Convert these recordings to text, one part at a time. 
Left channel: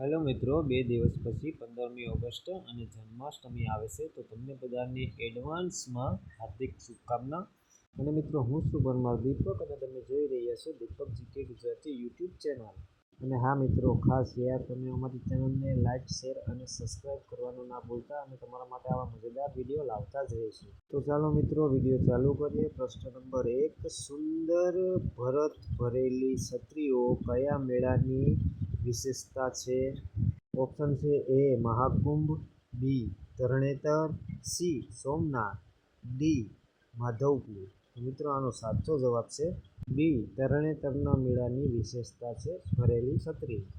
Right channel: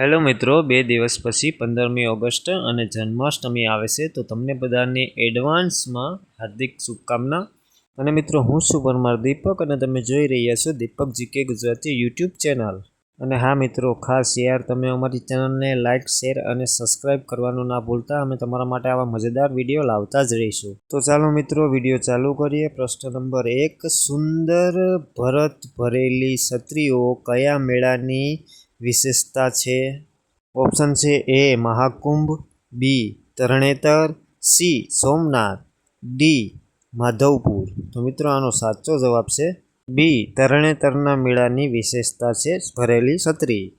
Hello મિત્રો, બે દિવસ પછી પંદરમી ઓગસ્ટ અને જન્માષ્ટમી આવે છે, તો તમને બધાને એડવાન્સમાં હાર્દિક શુભકામના. અને મિત્રો, હું છું પરમાર દીપક અને તમે જોઈ રહ્યા છો Deepak GK Gujarati YouTube channel. અને હા મિત્રો, ખાસ યાર, તમે અમારી ચેનલને લાઇક શેર અને સબસ્ક્રાઇબ કરવાનું ના ભૂલતા, અમે તમારા માટે આવા મજેદાર વીડિયો લાવતા જ રહીશું. તો ચાલો મિત્રો, વીડિયો ચાલુ કરીએ. પ્રશ્ન નંબર એક, સુંદર ભરત ભરેલી છત્રીઓ કયા મેળાની વિશેષતા છે. ઓપ્શન છે A Mahakumbh, B Tarnetar, C Somnath, D Madhavpur. તો મિત્રો આનો સાચો જવાબ છે બી તરણેતરના મેળાની વિશેષતા છે ભરેલી છત્રી.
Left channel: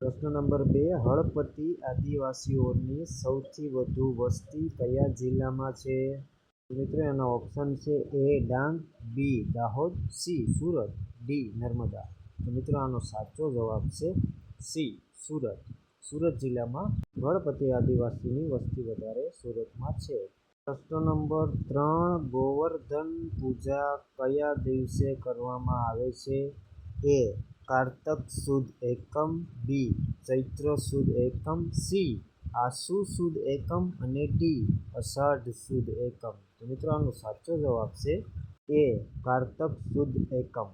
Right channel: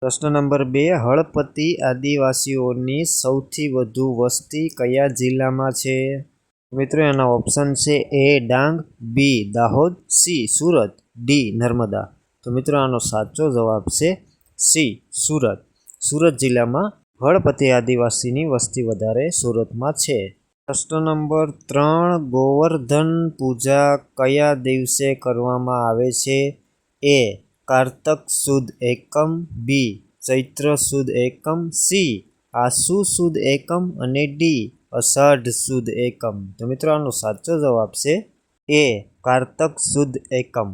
પ્રશ્ન નંબર બે, હળપતિ આદિવાસીઓની સૌથી વધુ વસ્તી કયા જિલ્લામાં છે? મિત્રો એના ઓપ્શન છે A Dang, B Dahod, C Surat, D Narmada. તો મિત્રો, આનો સાચો જવાબ છે સી, સુરત. સુરત જિલ્લામાં ભળપતિ આદિવાસીની વસ્તી વધારે સુરતમાં છે. પ્રશ્ન નંબર ત્રણ, ગોવર્ધન પૂજા કયા દિવસે કરવામાં આવે છે? એ, કારતક સુદ એકમ. બી, ચૈત્ર સુદ એકમ. સી, આસુ સુદ એકમ. અને ડી, અષાઢ સુદ એકમ. તો મિત્રો, આનો સાચો જવાબ છે એ, કારતક સુદ એકમ.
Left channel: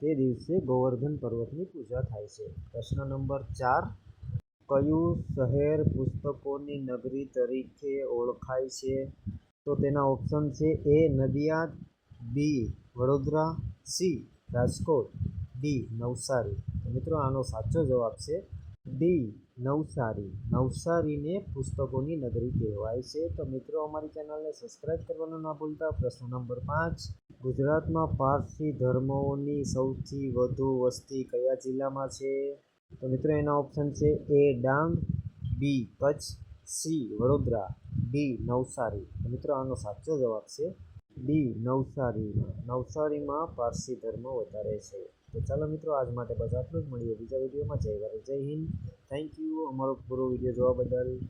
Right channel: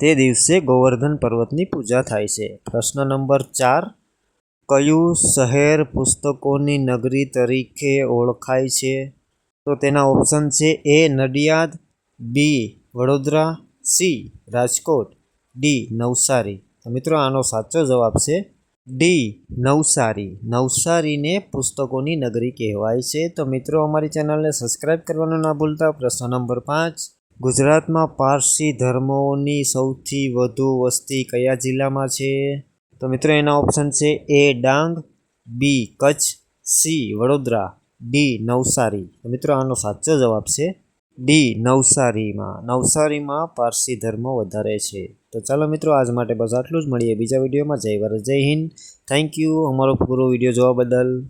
તે દિવસે ગોવર્ધન પર્વતની પૂજા થાય છે. પ્રશ્ન નંબર ચાર, કયું શહેર પુસ્તકોની નગરી તરીકે ઓળખાય છે? તો તેના ઓપ્શન છે A, Nadiad, B, Vadodara, C, Rajkot, D, Navsari. તો મિત્રો, આનો સાચો જવાબ છે ડી, નવસારી. નવસારીને પુસ્તકોની નગરી કહેવાય છે. તો મિત્રો, અમારી ચેનલને સબસ્ક્રાઈબ કરવાનું ના ભૂલતા. પ્રશ્ન નંબર પાંચ ગુજરાતમાં પારસી ધર્મોની સૌથી વધુ વસ્તી કયા જિલ્લામાં છે? તો મિત્રો, એના ઓપ્શન છે A Dang, B Kutch, C Vadodara, D Navsari. મિત્રો, આનો સાચો જવાબ છે ડી નવસારીમાં. નવસારીમાં પારસી ધર્મ વધારે છે. તો ચાલો મિત્રો, આજ માટે બસ આટલું જ. મળીએ બીજા વિડીયોમાં. જય ભારત, જય હિન્દ. થેન્ક યુ અમારો પૂરો વીડિયો જોવા બદલ.